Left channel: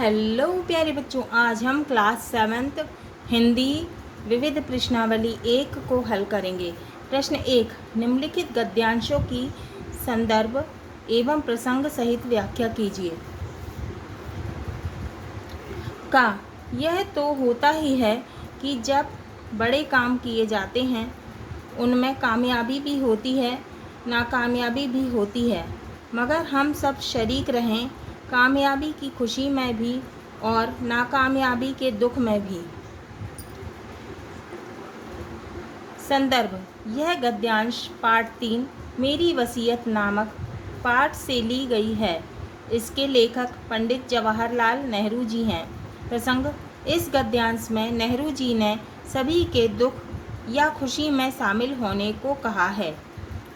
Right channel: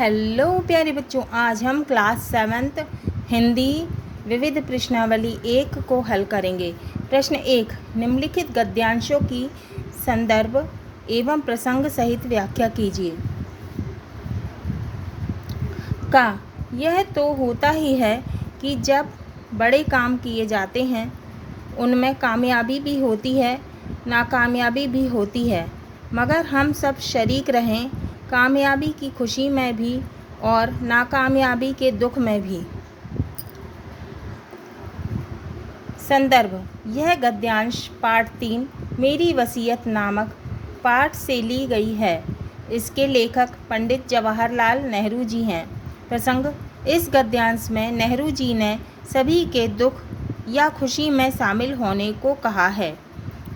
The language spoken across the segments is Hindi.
हेलो प्यारे बच्चों, आज हम क्लास 7th हिंदी विविध प्रश्नावली 1 को हल करेंगे। प्रश्न 1, निम्नलिखित गद्यांशों की संदर्भ एवं प्रसंग सहित व्याख्या कीजिए। का यह तो होता ही है कि जब बड़े काम किए जाते हैं उनमें कामयाबी भी होती है, नाकामयाबी भी होती है, मगर हम सब शरीक रहें कामयाबी की खुशी में भी और नाकामयाबी के दुख में भी। संदर्भ, यह गद्यांश पाठ 3 मेरी वसीयत नामक पाठ से ली गई है। इसके लेखक पंडित जवाहरलाल नेहरू जी हैं। प्रसंग, इस गद्यांश में नेहरू जी ने सभी के दुख या खुशी में शामिल होने को कहा है।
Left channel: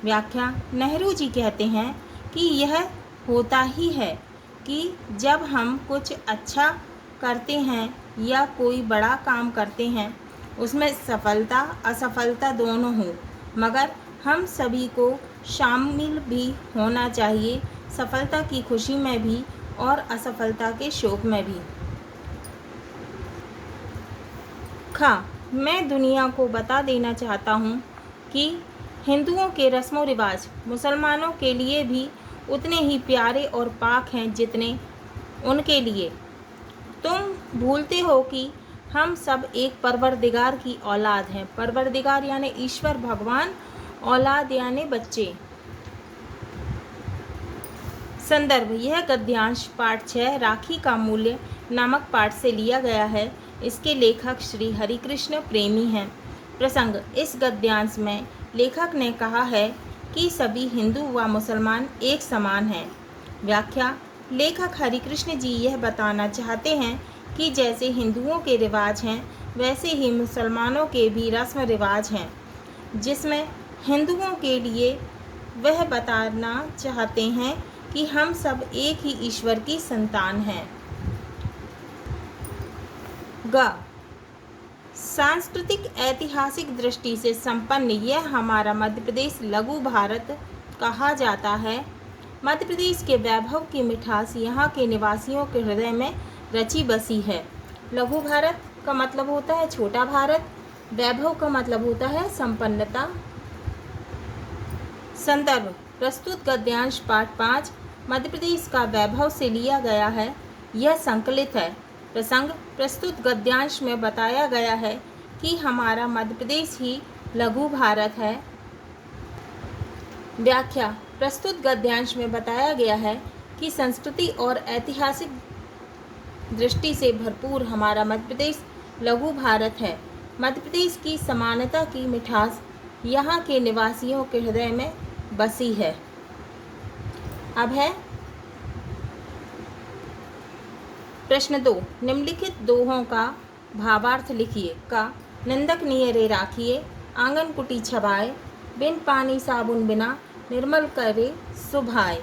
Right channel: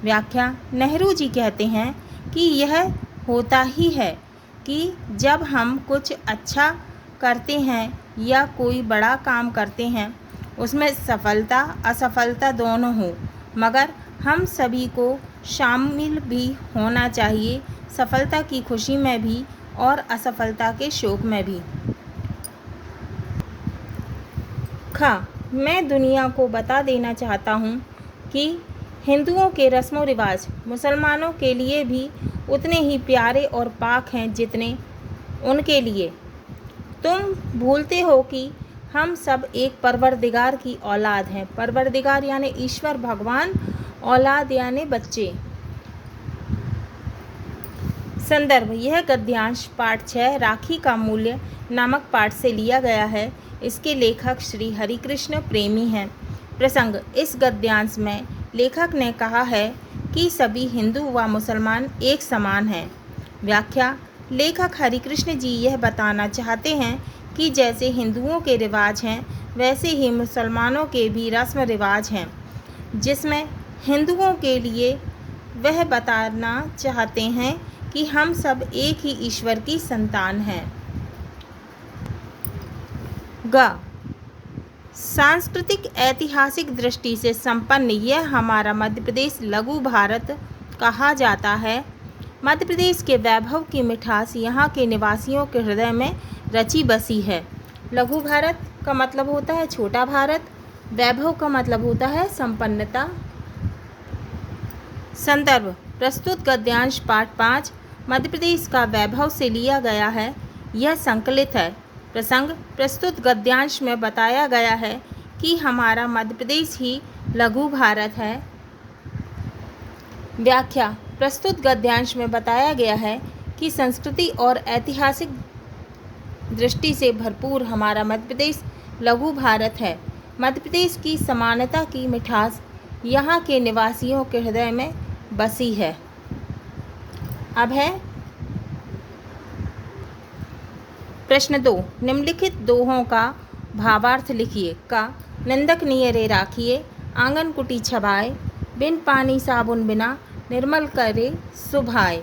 व्याख्या, नेहरू जी कहते हैं कि यह होता ही है कि जब हम कुछ अच्छा करते हैं या कोई बड़ा काम करते हैं उसमें सफलता असफलता दोनों हों, मगर हम सभी को शामिल भी होना चाहिए, सफलता की खुशी में भी और असफलता के शोक में भी। मैं दुनिया को बता देना चाहता हूँ कि हिंदुओं के रस्मों रिवाज मुसलमानों के लिए भी उतने ही प्यारे और पाक हैं जितने उनके लिए। तुम भूलते हो कि हम सब एक परवरदिगार की औलाद हैं। परवरदिगार यानी ईश्वर भगवान, औलाद यानी बच्चे। संदर्भ, यह गद्यांश पाठ 6 राखी का मूल्य नामक पाठ से लिया गया है। इसके लेखक श्री हरिकृष्ण प्रेमी हैं। प्रसंग, इस गद्यांश में लेखक ने कहा है कि सभी हिंदू व मुसलमान एक समान हैं। व्याख्या, लेखक हरिकृष्ण जी यह बताना चाहते हैं कि जैसे हिंदुओं के रिवाज हैं वैसे ही मुसलमानों के भी रस्म रिवाज हैं, जिसमें हिंदुओं के लिए वह बताना चाहते हैं कि हम सब एक ही ईश्वर की संतान हैं। ग, सांस्कृतिक ऐतिहासिक दृष्टि से संपन्न यह हमारा मध्य प्रदेश लघु भारत कहा जाता है। मध्य प्रदेश के वैभव की मिठास यहाँ के निवासियों के हृदय में रची बसी है। लघु भारत का मतलब होता है छोटा भारत, वैभव का मतलब होता है संपन्नता। संदर्भ, प्रस्तुत गद्यांश पाठ 5 मध्य प्रदेश का वैभव से लिया गया है। यह संकलित है। प्रसंग, प्रस्तुत गद्यांश में बताया गया है कि हमारा मध्य प्रदेश ही लघु भारत है। व्याख्या, प्रस्तुत गद्यांश में बताया गया है कि संस्कृति और ऐतिहासिक दृष्टि से भरपूर हमारा मध्य प्रदेश लघु भारत है। मध्य प्रदेश की समानता की मिठास यहाँ के निवासियों के हृदय में बसी है। अब है प्रश्न 2, निम्नलिखित दोहों का भावार्थ लिखिए। का, निंदक नियरे राखिए, आंगन कुटी छबाए, बिन पानी साबुन बिना निर्मल करे सुभाए।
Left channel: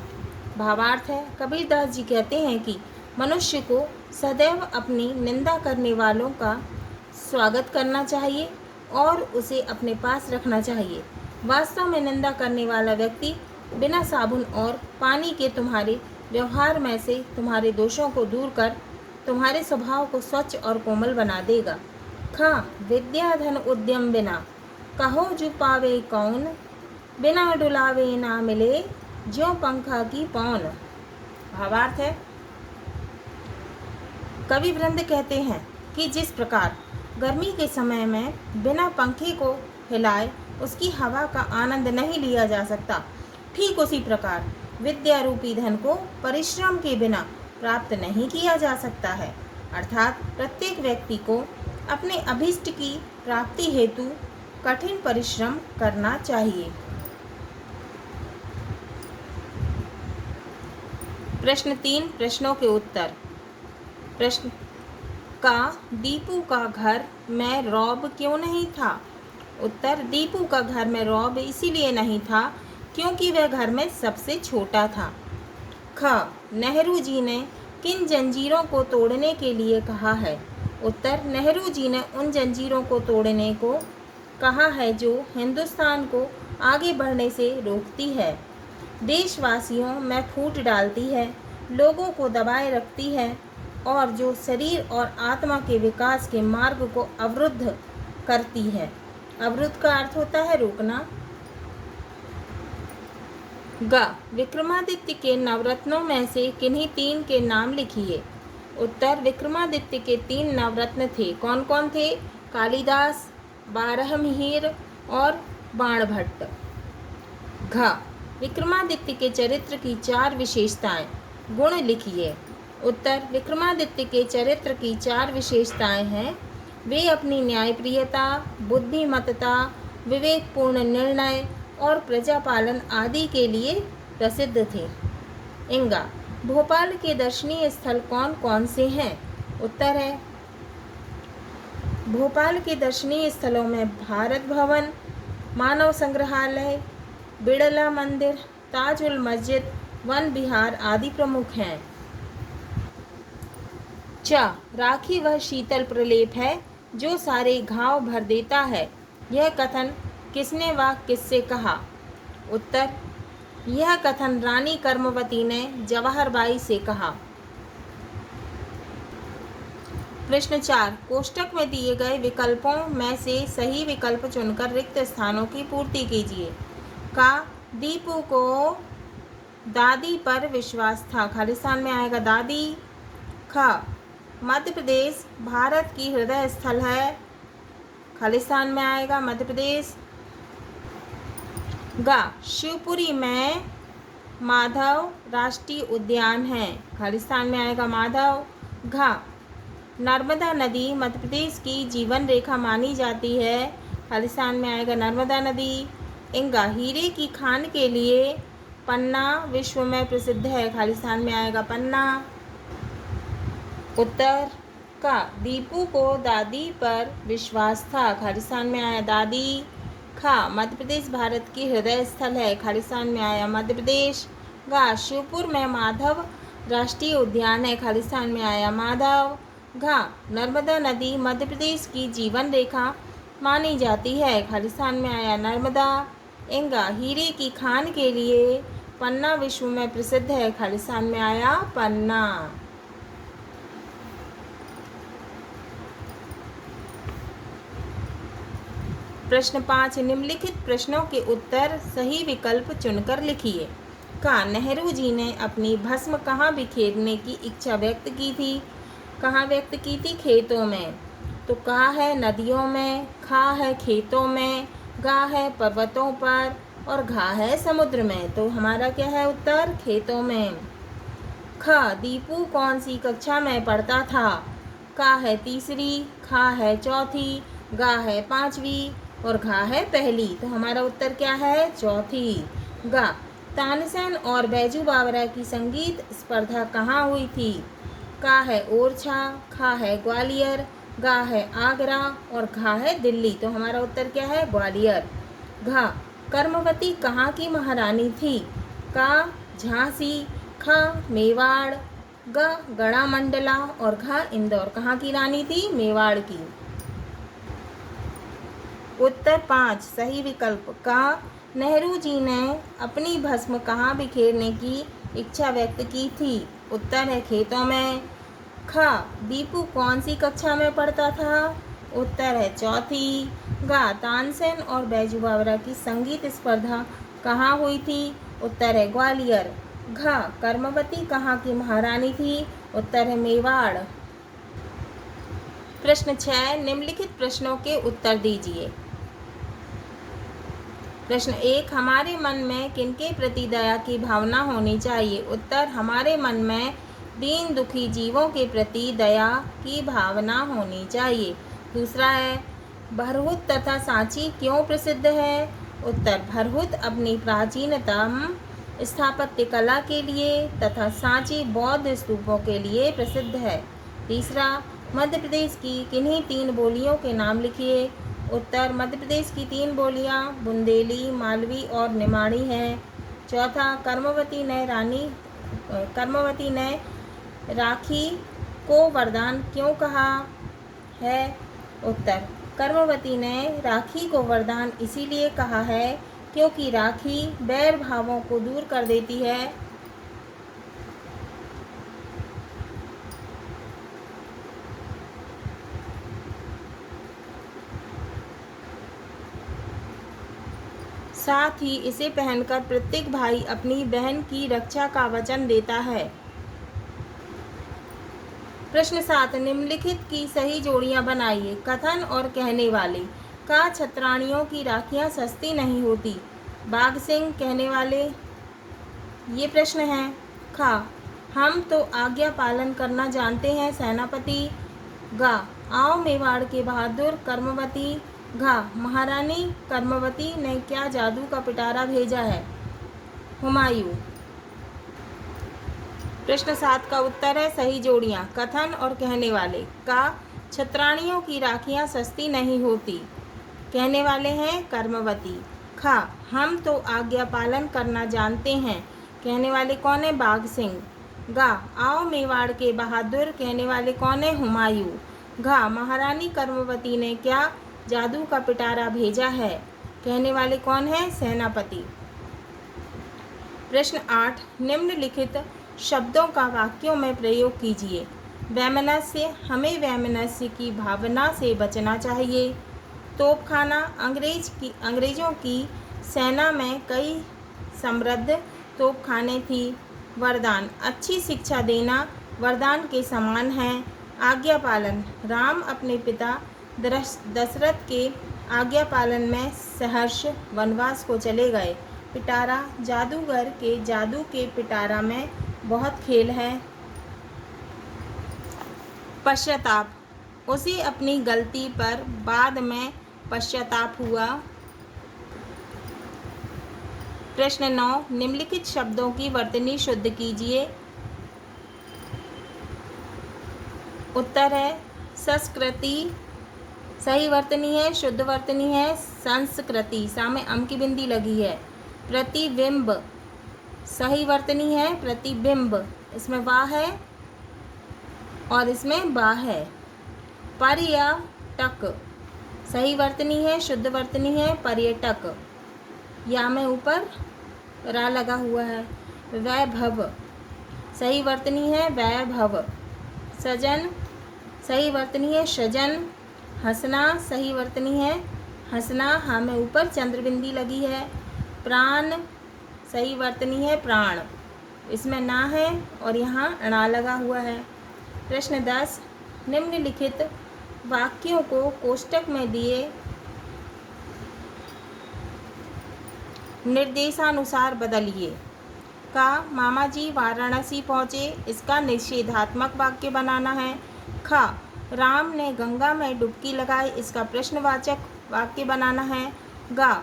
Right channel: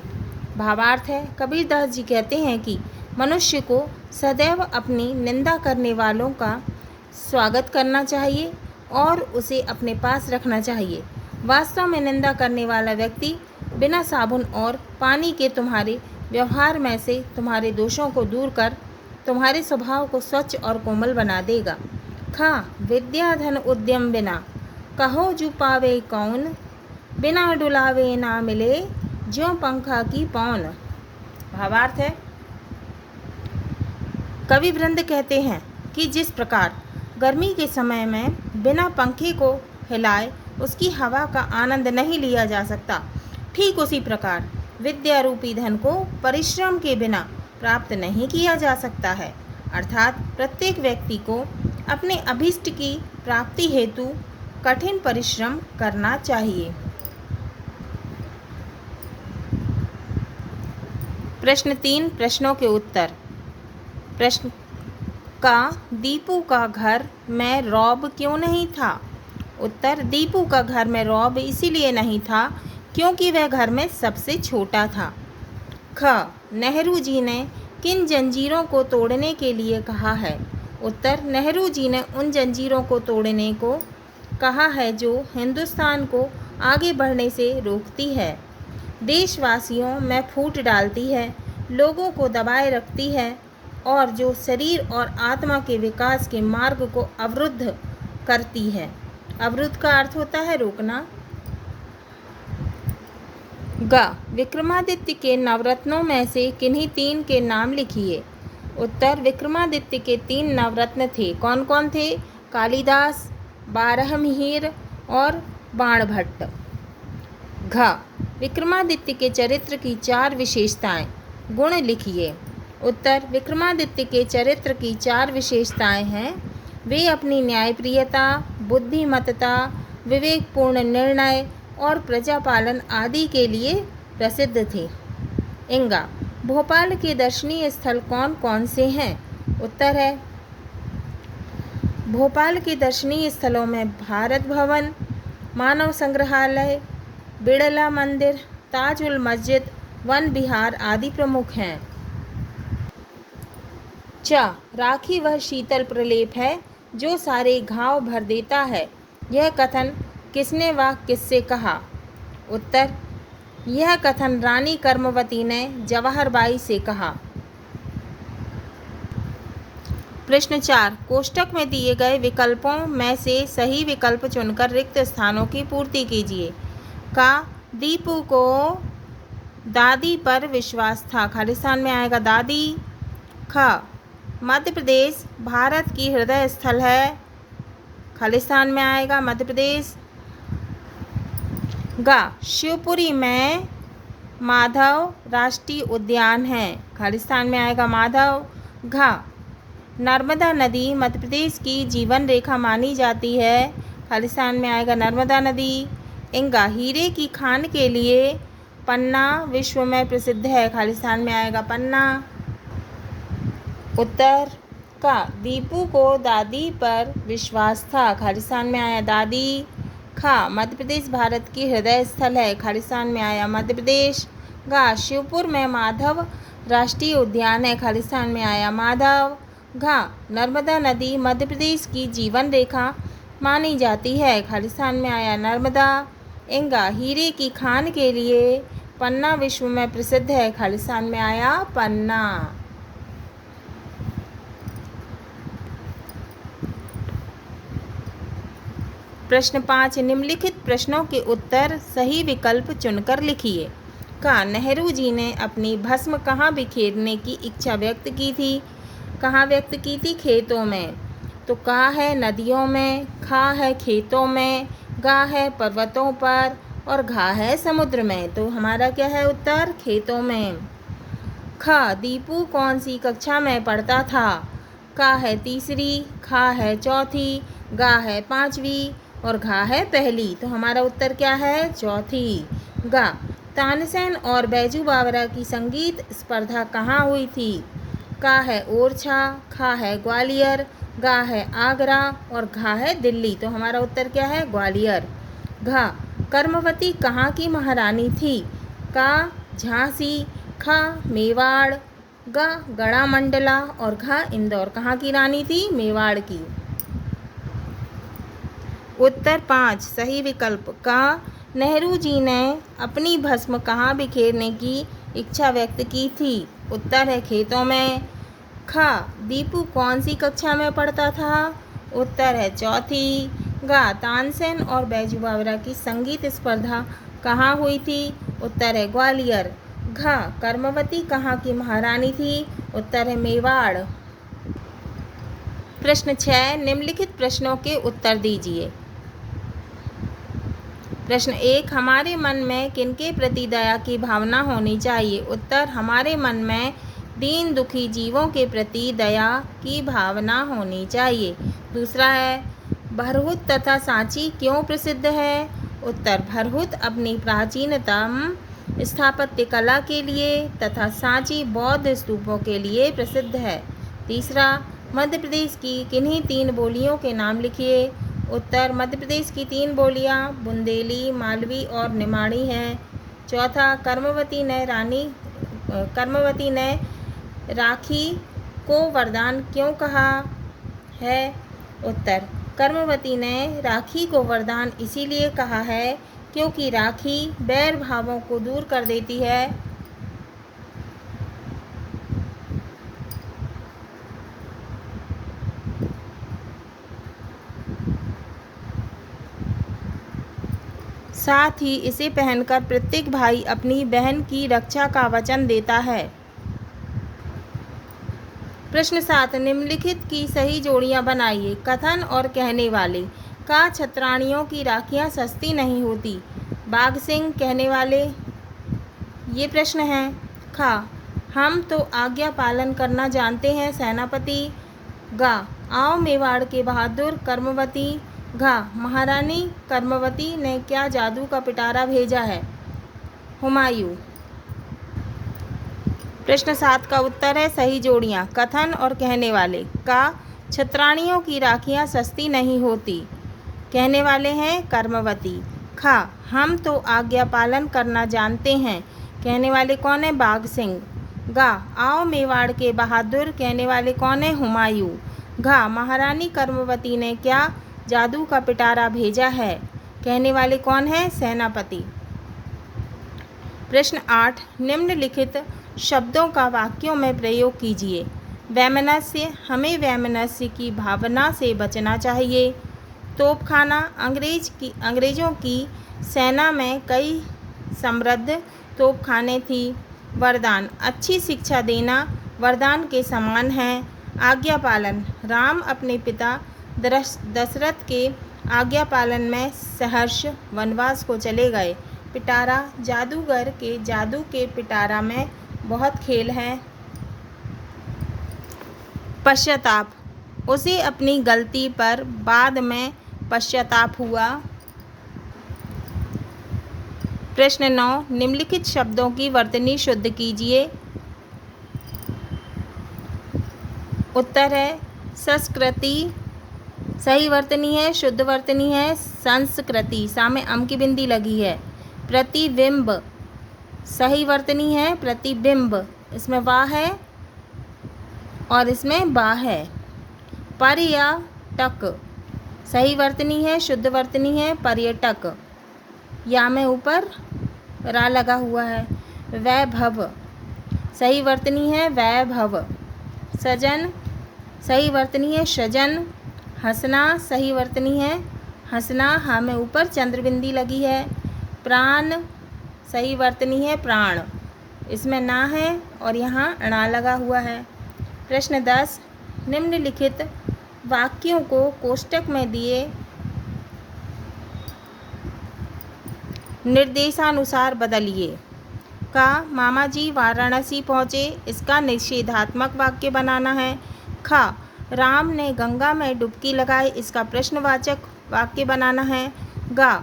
भावार्थ है, कबीरदास जी कहते हैं कि मनुष्य को सदैव अपनी निंदा करने वालों का स्वागत करना चाहिए और उसे अपने पास रखना चाहिए। वास्तव में निंदा करने वाला व्यक्ति बिना साबुन और पानी के तुम्हारे व्यवहार में से तुम्हारे दोषों को दूर कर तुम्हारे स्वभाव को स्वच्छ और कोमल बना देगा। विद्या धन उद्यम बिना कहो जो पावे कौन, बिना डुलावे ना मिले ज्यों पंखा की पौन। भावार्थ है, कवि वृंद कहते हैं कि जिस प्रकार गर्मी के समय में बिना पंखे को हिलाए उसकी हवा का आनंद नहीं लिया जा सकता, ठीक उसी प्रकार विद्या रूपी धन को परिश्रम के बिना प्राप्त नहीं किया जा सकता है। अर्थात प्रत्येक व्यक्ति को अपने अभीष्ट की प्राप्ति हेतु कठिन परिश्रम करना चाहिए। प्रश्न 3, प्रश्नों के उत्तर। प्रश्न का, दीपू का घर में रौब क्यों नहीं था? उत्तर, दीपू का घर में रौब इसीलिए नहीं था क्योंकि वह घर में सबसे छोटा था। नेहरू जी ने किन जंजीरों को तोड़ने के लिए कहा है? उत्तर, नेहरू जी ने उन जंजीरों को तोड़ने को कहा है जो हिंदुस्तान को आगे बढ़ने से रोकती है, देशवासियों में फूट डालती है, लोगों को दबाए रखती है और जो शरीर और आत्मा के विकास के मार्ग को अवरुद्ध करती है। अवरुद्ध का अर्थ होता है रोकना। ग, विक्रमादित्य के नवरत्नों में से किन्हीं 3 के नाम लिखिए। उत्तर, विक्रमादित्य के 3 नवरत्न थे। कौन कौन थे? कालिदास, बारहमिहिर और बाणभट्ट। घ, विक्रमादित्य के चरित्र की 4 विशेषताएं, गुण लिखिए। उत्तर, विक्रमादित्य के चरित्र की 4 विशेषताएं हैं। वे अपनी न्यायप्रियता, बुद्धिमत्ता, विवेकपूर्ण निर्णय और प्रजापालन आदि के लिए प्रसिद्ध थे। इंगा, भोपाल के दर्शनीय स्थल कौन कौन से हैं? उत्तर है, भोपाल के दर्शनीय स्थलों में भारत भवन, मानव संग्रहालय, बिड़ला मंदिर, ताजुल मस्जिद, वन विहार आदि प्रमुख हैं। च, राखी वह शीतल प्रलेप है जो सारे घाव भर देता है। यह कथन किसने व किससे कहा? उत्तर, यह कथन रानी कर्मवती ने जवाहर बाई से कहा। प्रश्न 4, कोष्टक में दिए गए विकल्पों में से सही विकल्प चुनकर रिक्त स्थानों की पूर्ति कीजिए। का, दीपू को दादी पर विश्वास था। खालिस्तान में आएगा दादी। ख, मध्य प्रदेश भारत की हृदय स्थल है। खालिस्तान में आएगा मध्य प्रदेश। ग, शिवपुरी में माधव राष्ट्रीय उद्यान है। खालिस्तान में आएगा माधव। घ, नर्मदा नदी मध्य प्रदेश की जीवन रेखा मानी जाती है। खालिस्तान में आएगा नर्मदा नदी। इंगा, हीरे की खान के लिए पन्ना विश्व में प्रसिद्ध है। खालिस्तान में आएगा पन्ना। उत्तर, का, दीपू को दादी पर विश्वास था। खालिस्तान में आया दादी। खा, मध्य प्रदेश भारत की हृदय स्थल है। खालिस्तान में आया मध्य प्रदेश। गा, शिवपुर में माधव राष्ट्रीय उद्यान है। खालिस्तान में आया माधव। घा, नर्मदा नदी मध्य प्रदेश की जीवन रेखा मानी जाती है। खालिस्तान में आया नर्मदा। इंगा, हीरे की खान के लिए पन्ना विश्व में प्रसिद्ध है। खालिस्तान में आया पन्ना। प्रश्न 5, निम्नलिखित प्रश्नों के उत्तर सही विकल्प चुनकर लिखिए। का, नेहरू जी ने अपनी भस्म कहाँ बिखेरने की इच्छा व्यक्त की थी? कहाँ व्यक्त की थी? खेतों में। तो का है नदियों में, खा है खेतों में, गा है पर्वतों पर और घा है समुद्र में। तो हमारा क्या है उत्तर? खेतों में। ख, दीपू कौन सी कक्षा में पढ़ता था? का है तीसरी, खा है चौथी, गा है पांचवी और घा है पहली। तो हमारा उत्तर क्या है? चौथी। गा, तानसेन और बैजू बावरा की संगीत स्पर्धा कहाँ हुई थी? का है ओरछा, खा है ग्वालियर, गा है आगरा और घा है दिल्ली। तो हमारा उत्तर क्या है? ग्वालियर। घा, कर्मवती कहाँ की महारानी थी? का, झांसी, खा मेवाड़, गा गणामंडला और घा इंदौर। कहाँ की रानी थी? मेवाड़ की। उत्तर 5 सही विकल्प। का, नेहरू जी ने अपनी भस्म कहाँ बिखेरने की इच्छा व्यक्त की थी? उत्तर है खेतों में। खा, दीपू कौन सी कक्षा में पढ़ता था? उत्तर है चौथी। गा, तानसेन और बैजू बावरा की संगीत स्पर्धा कहाँ हुई थी? उत्तर है ग्वालियर। घा, कर्मवती कहाँ की महारानी थी? उत्तर है मेवाड़। प्रश्न 6, निम्नलिखित प्रश्नों के उत्तर दीजिए। प्रश्न 1, हमारे मन में किनके प्रति दया की भावना होनी चाहिए? उत्तर, हमारे मन में दीन दुखी जीवों के प्रति दया की भावना होनी चाहिए। दूसरा है, भरहुत तथा सांची क्यों प्रसिद्ध है? उत्तर, भरहुत अपनी प्राचीनतम स्थापत्य कला के लिए तथा सांची बौद्ध स्तूपों के लिए प्रसिद्ध है। तीसरा, मध्य प्रदेश की किन्हीं 3 बोलियों के नाम लिखिए। उत्तर, मध्य प्रदेश की 3 बोलियां बुंदेली, मालवी और निमाड़ी हैं। चौथा, कर्मवती ने राखी को वरदान क्यों कहा है? उत्तर, कर्मवती ने राखी को वरदान इसीलिए कहा है क्योंकि राखी बैर भावों को दूर कर देती है। साथ ही इसे पहनकर प्रत्येक भाई अपनी बहन की रक्षा का वचन देता है। प्रश्न 7, निम्नलिखित की सही जोड़ियां बनाइए। कथन और कहने वाले। का छत्राणियों की राखियां सस्ती नहीं होती। बाघ सिंह। कहने वाले, ये प्रश्न है। खा, हम तो आज्ञा पालन करना जानते हैं सेनापति। गा, आओ मेवाड़ के बहादुर कर्मवती। घा, महारानी कर्मवती ने क्या जादू का पिटारा भेजा है। हुमायूं। प्रश्न 7 का उत्तर है सही जोड़ियां। कथन और कहने वाले। का, छत्राणियों की राखियां सस्ती नहीं होती। कहने वाले हैं कर्मवती। खा, हम तो आज्ञा पालन करना जानते हैं। कहने वाले कौन है, बाघ सिंह। गा, आओ मेवाड़ के बहादुर। कहने वाले कौन है, हुमायूं। घा, महारानी कर्मवती ने क्या जादू का पिटारा भेजा है। कहने वाले कौन है, सेनापति। प्रश्न 8, निम्नलिखित शब्दों का वाक्यों में प्रयोग कीजिए। वैमनस्य, हमें वैमनस्य की भावना से बचना चाहिए। तोपखाना, अंग्रेजों की सेना में कई समृद्ध तोपखाने थी। वरदान, अच्छी शिक्षा देना वरदान के समान है। आज्ञा पालन, राम अपने पिता दशरथ के आज्ञा पालन में सहर्ष वनवास को चले गए। पिटारा, जादूगर के जादू के पिटारा में बहुत खेल है। पश्चाताप, उसे अपनी गलती पर बाद में पश्चाताप हुआ। प्रश्न 9, निम्नलिखित शब्दों की वर्तनी शुद्ध कीजिए। उत्तर है संस्कृति। सही वर्तनी है, शुद्ध वर्तनी है संस्कृति। सामने अम की बिंदी लगी है। प्रतिबिंब, सही वर्तनी है प्रतिबिंब। इसमें वाह है और इसमें बा है। पर्यटक, सही वर्तनी है, शुद्ध वर्तनी है पर्यटक। या में ऊपर रा लगा हुआ है। वैभव, सही वर्तनी है वैभव। सजन, सही वर्तनी है सजन। हंसना, सही वर्तनी है हंसना। हाँ में ऊपर चंद्रबिंदी लगी है। प्राण, सही वर्तनी है प्राण। इसमें ना है और यहाँ अणा लगा हुआ है। प्रश्न 10, निम्नलिखित वाक्यों को कोष्टक में दिए निर्देशानुसार बदलिए। का, मामा जी वाराणसी पहुँचे, इसका निषेधात्मक वाक्य बनाना है। खा, राम ने गंगा में डुबकी लगाई, इसका प्रश्नवाचक वाक्य बनाना है। गा,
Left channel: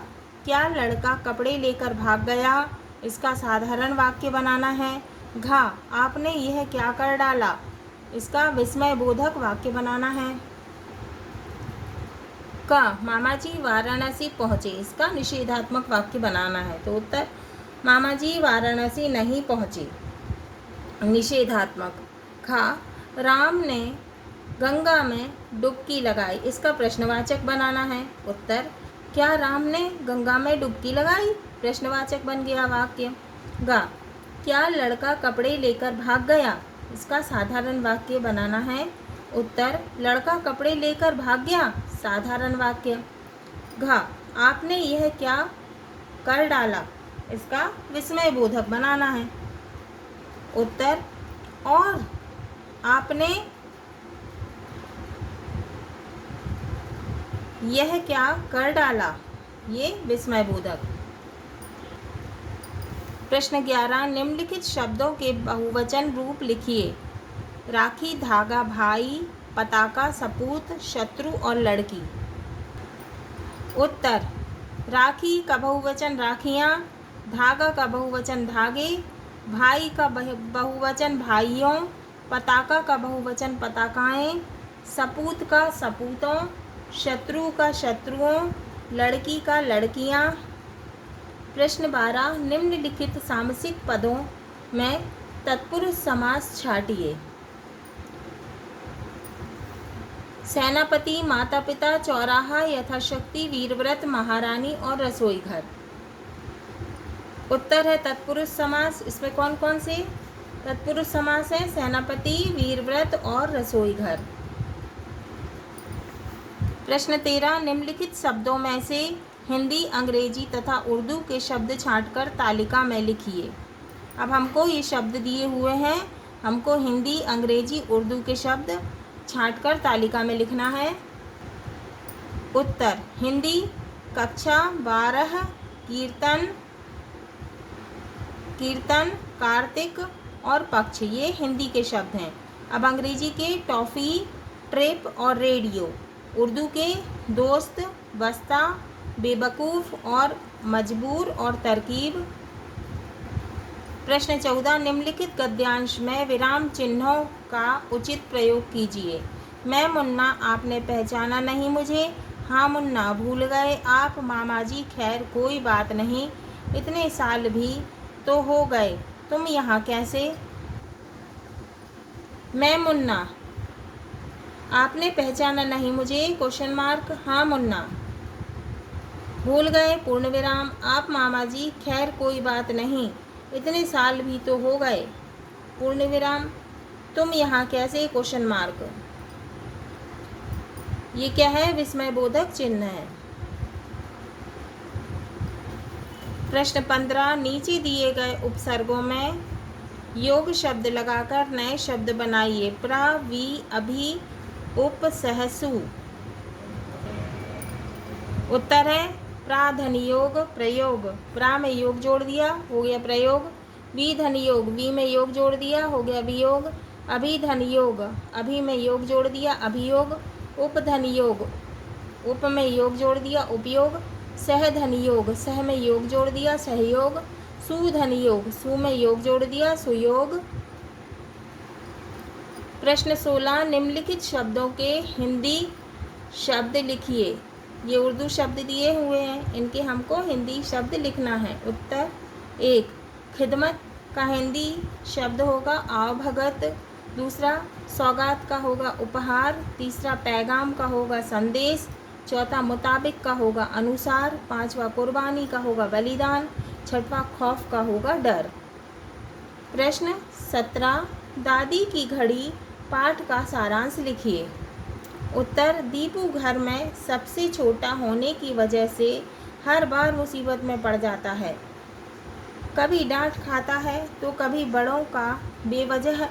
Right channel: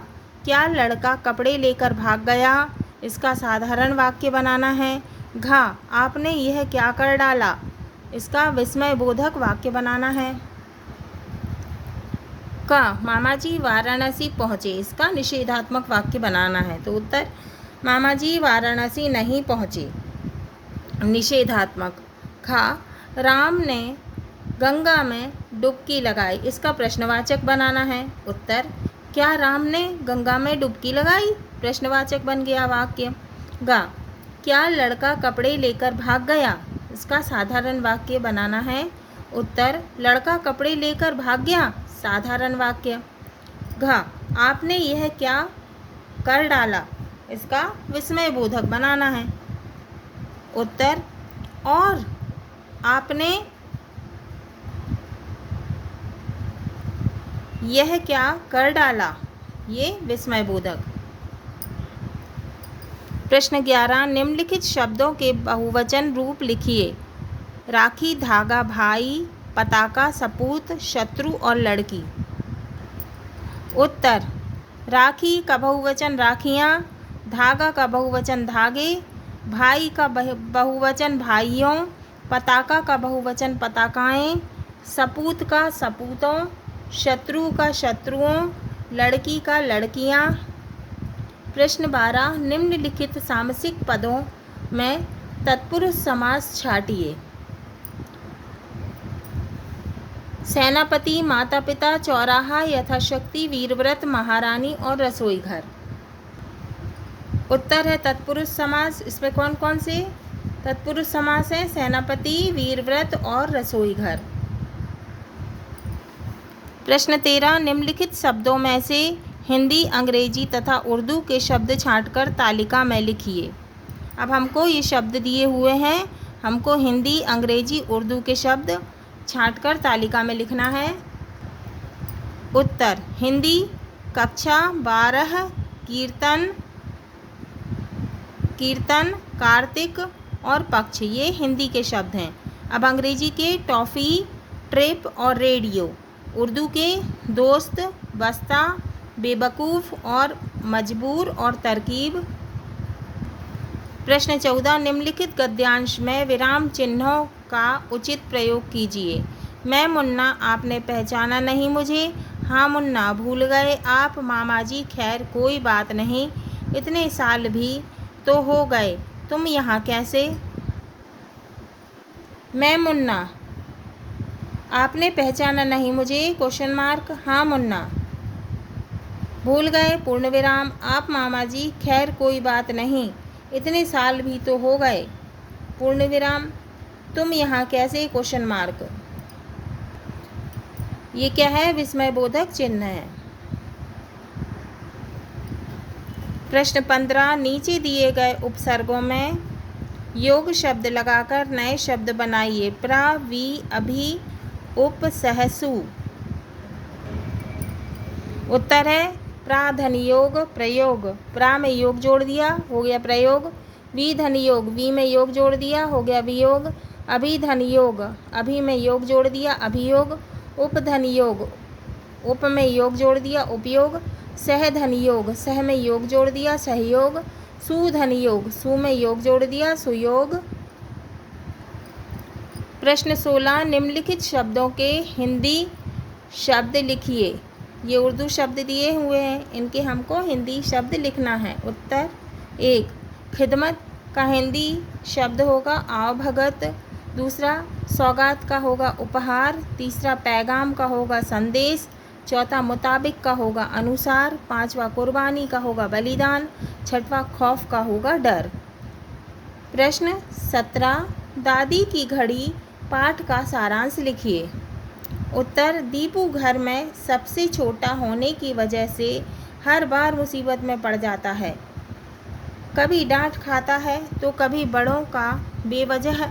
क्या लड़का कपड़े लेकर भाग गया, इसका साधारण वाक्य बनाना है। घा, आपने यह क्या कर डाला, इसका विस्मय बोधक वाक्य बनाना है। का, मामा जी वाराणसी पहुँचे, इसका निषेधात्मक वाक्य बनाना है। तो उत्तर, मामा जी वाराणसी नहीं पहुँचे, निषेधात्मक। खा, राम ने गंगा में डुबकी लगाई, इसका प्रश्नवाचक बनाना है। उत्तर, क्या राम ने गंगा में डुबकी लगाई, प्रश्नवाचक बन गया वाक्य। गा, क्या लड़का कपड़े लेकर भाग गया, इसका साधारण वाक्य बनाना है। उत्तर, लड़का कपड़े लेकर भाग गया, साधारण वाक्य। घा, आपने यह क्या कर डाला, इसका विस्मय बोधक बनाना है। उत्तर, और आपने यह क्या कर डाला, ये विस्मय बोधक। प्रश्न 11, निम्नलिखित शब्दों के बहुवचन रूप लिखिए। राखी, धागा, भाई, पताका, सपूत, शत्रु और लड़की। उत्तर, राखी का बहुवचन राखियाँ, धागा का बहुवचन धागे, भाई का बहुवचन भाइयों, पताका का बहुवचन पताकाएँ, सपूत का सपूतों, शत्रु का शत्रुओं, लड़की का लड़कियाँ। प्रश्न 12, निम्नलिखित सामसिक पदों में तत्पुरुष समास छाटिए। सेनापति, माता पिता, चौराहा, यथाशक्ति, वीरव्रत, महारानी और रसोई घर। उत्तर है तत्पुरुष समास। इसमें कौन कौन से तत्पुरुष समास है, सेनापति, वीरव्रत और रसोई घर। प्रश्न 13, निम्नलिखित शब्दों में से हिंदी, अंग्रेजी तथा उर्दू के शब्द छांटकर तालिका में लिखिए। अब हमको ये शब्द दिए हुए हैं, हमको हिंदी, अंग्रेजी, उर्दू के शब्द छांटकर तालिका में लिखना है। उत्तर: हिंदी कक्षा 12, कीर्तन, कार्तिक और पक्ष, ये हिंदी के शब्द हैं। अब अंग्रेजी के टॉफ़ी, ट्रिप और रेडियो। उर्दू के दोस्त, बस्ता, बेवकूफ़ और मजबूर और तरकीब। प्रश्न 14, निम्नलिखित गद्यांश में विराम चिन्हों का उचित प्रयोग कीजिए। मैं मुन्ना, आपने पहचाना नहीं मुझे। हाँ मुन्ना, भूल गए आप। मामा जी, खैर कोई बात नहीं, इतने साल भी तो हो गए, तुम यहाँ कैसे। मैं मुन्ना, आपने पहचाना नहीं मुझे, क्वेश्चन मार्क। हाँ मुन्ना, भूल गए, पूर्ण विराम, आप मामा जी, खैर कोई बात नहीं, इतने साल भी तो हो गए, पूर्ण विराम, तुम यहाँ कैसे, क्वेश्चन मार्क। ये क्या है, विस्मय बोधक चिन्ह है। प्रश्न 15, नीचे दिए गए उपसर्गों में योग शब्द लगाकर नए शब्द बनाइए। प्र, वि, अभि, उप, सहसु। उत्तर है प्राधन योग, प्रयोग। प्रा में योग जोड़ दिया, हो गया प्रयोग। विधन योग, वी में योग जोड़ दिया, हो गया वियोग। अभिधन योग, अभि में योग जोड़ दिया, अभियोग। उपधन योग, उप में योग जोड़ दिया, उपयोग। सहधन योग, सह में योग जोड़ दिया, सहयोग। सुधन योग, सु में योग जोड़ दिया, सुयोग। प्रश्न 16, निम्नलिखित शब्दों के हिंदी शब्द लिखिए। ये उर्दू शब्द दिए हुए हैं, इनके हमको हिंदी शब्द लिखना है। उत्तर: 1, खिदमत का हिंदी शब्द होगा आवभगत। दूसरा, सौगात का होगा उपहार। तीसरा, पैगाम का होगा संदेश। चौथा, मुताबिक का होगा अनुसार। पांचवा, कुर्बानी का होगा बलिदान। छठवां, खौफ का होगा डर। प्रश्न 17, दादी की घड़ी पाठ का सारांश लिखिए। उत्तर: दीपू घर में सबसे छोटा होने की वजह से हर बार मुसीबत में पड़ जाता है। कभी डांट खाता है तो कभी बड़ों का बेवजह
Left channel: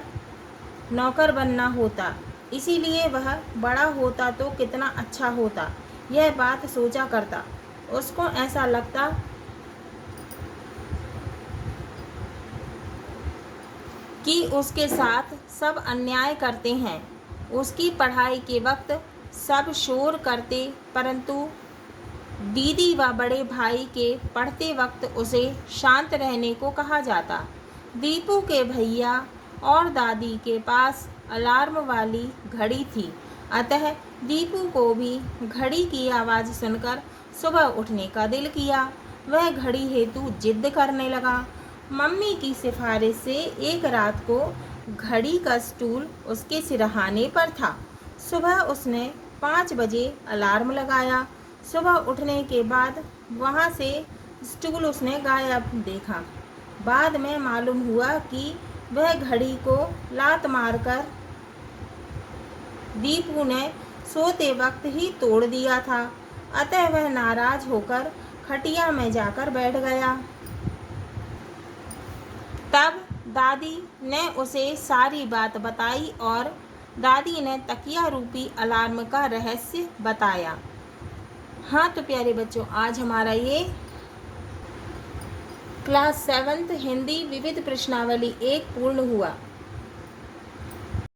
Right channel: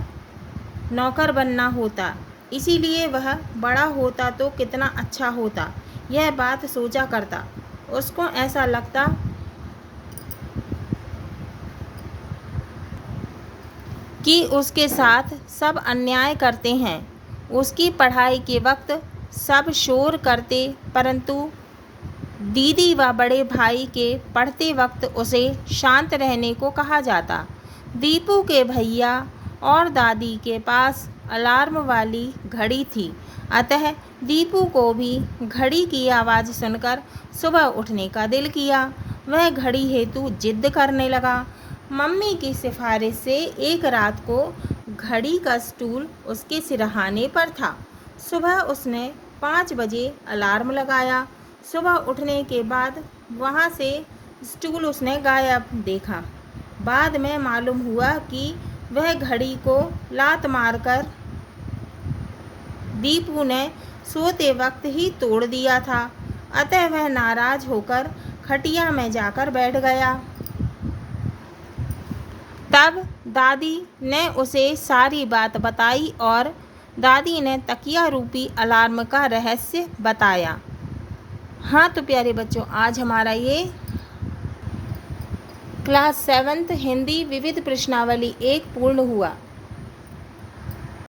नौकर बनना होता, इसीलिए वह बड़ा होता तो कितना अच्छा होता, यह बात सोचा करता। उसको ऐसा लगता कि उसके साथ सब अन्याय करते हैं। उसकी पढ़ाई के वक्त सब शोर करते, परंतु दीदी व बड़े भाई के पढ़ते वक्त उसे शांत रहने को कहा जाता। दीपू के भैया और दादी के पास अलार्म वाली घड़ी थी, अतः दीपू को भी घड़ी की आवाज़ सुनकर सुबह उठने का दिल किया। वह घड़ी हेतु जिद करने लगा। मम्मी की सिफारिश से एक रात को घड़ी का स्टूल उसके सिरहाने पर था। सुबह उसने 5 बजे अलार्म लगाया। सुबह उठने के बाद वहाँ से स्टूल उसने गायब देखा। बाद में मालूम हुआ कि वह घड़ी को लात मारकर दीपू ने सोते वक्त ही तोड़ दिया था, अतः वह नाराज होकर खटिया में जाकर बैठ गया। तब दादी ने उसे सारी बात बताई और दादी ने तकिया रूपी अलार्म का रहस्य बताया। हाँ तो प्यारे बच्चों, आज हमारा ये क्लास 7th हिंदी विविध प्रश्नावली 1 पूर्ण हुआ।